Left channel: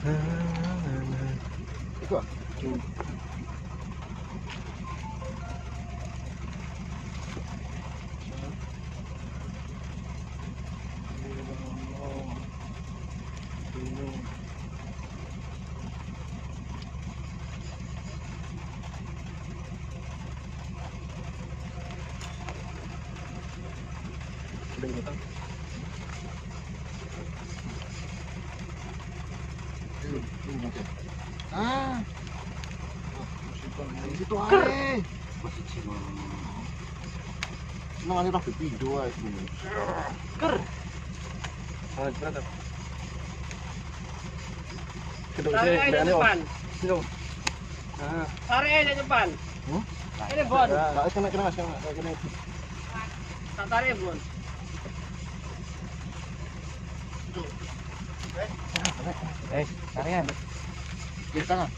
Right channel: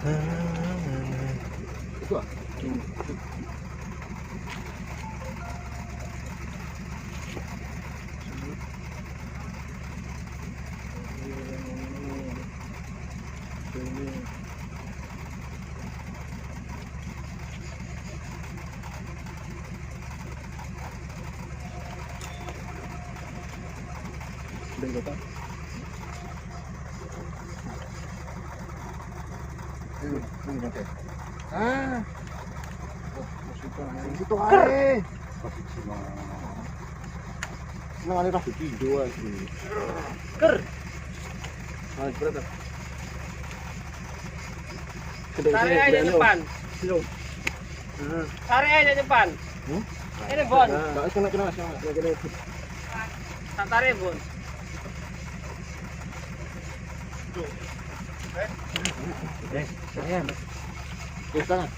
Wah. Itu ae. Cuma ini pas video aja. Ker. Berat. Tarik aja depan. Tarik aja depan. Ini Bon. Enggak kena. Tak tarik Bon. Sayang. Di tangan.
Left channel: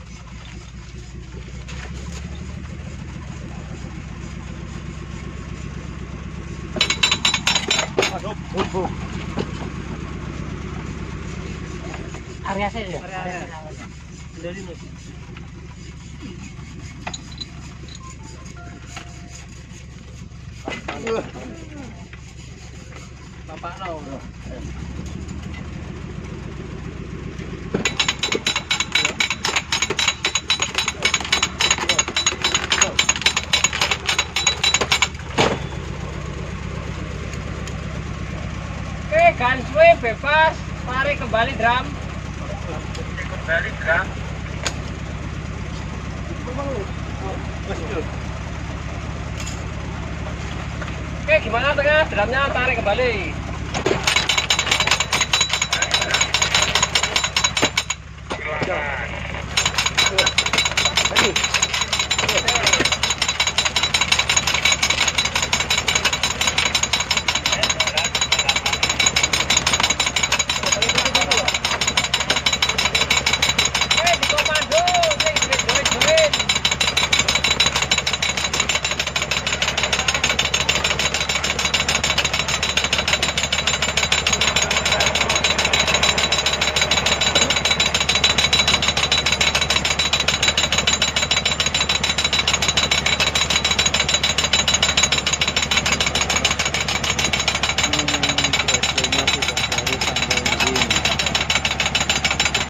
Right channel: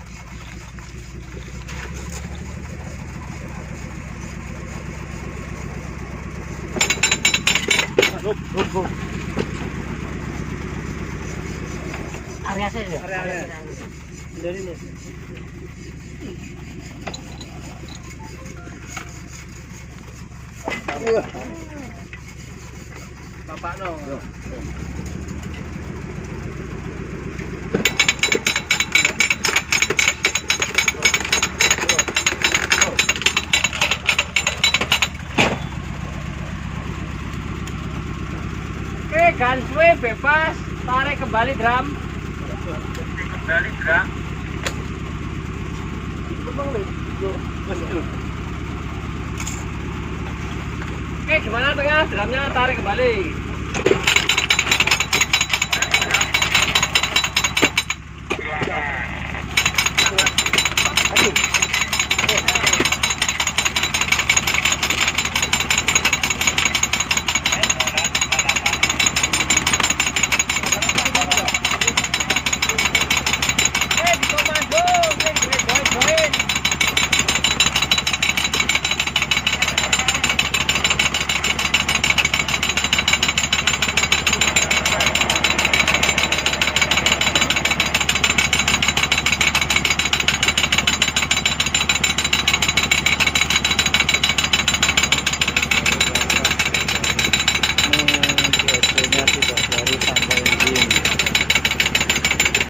Area saya. Area. Dari ini. Bapak no. Oke, ganswe bebas, tarik kembali drum. Oke, gimana tuh guys? Drumnya tarik kembali.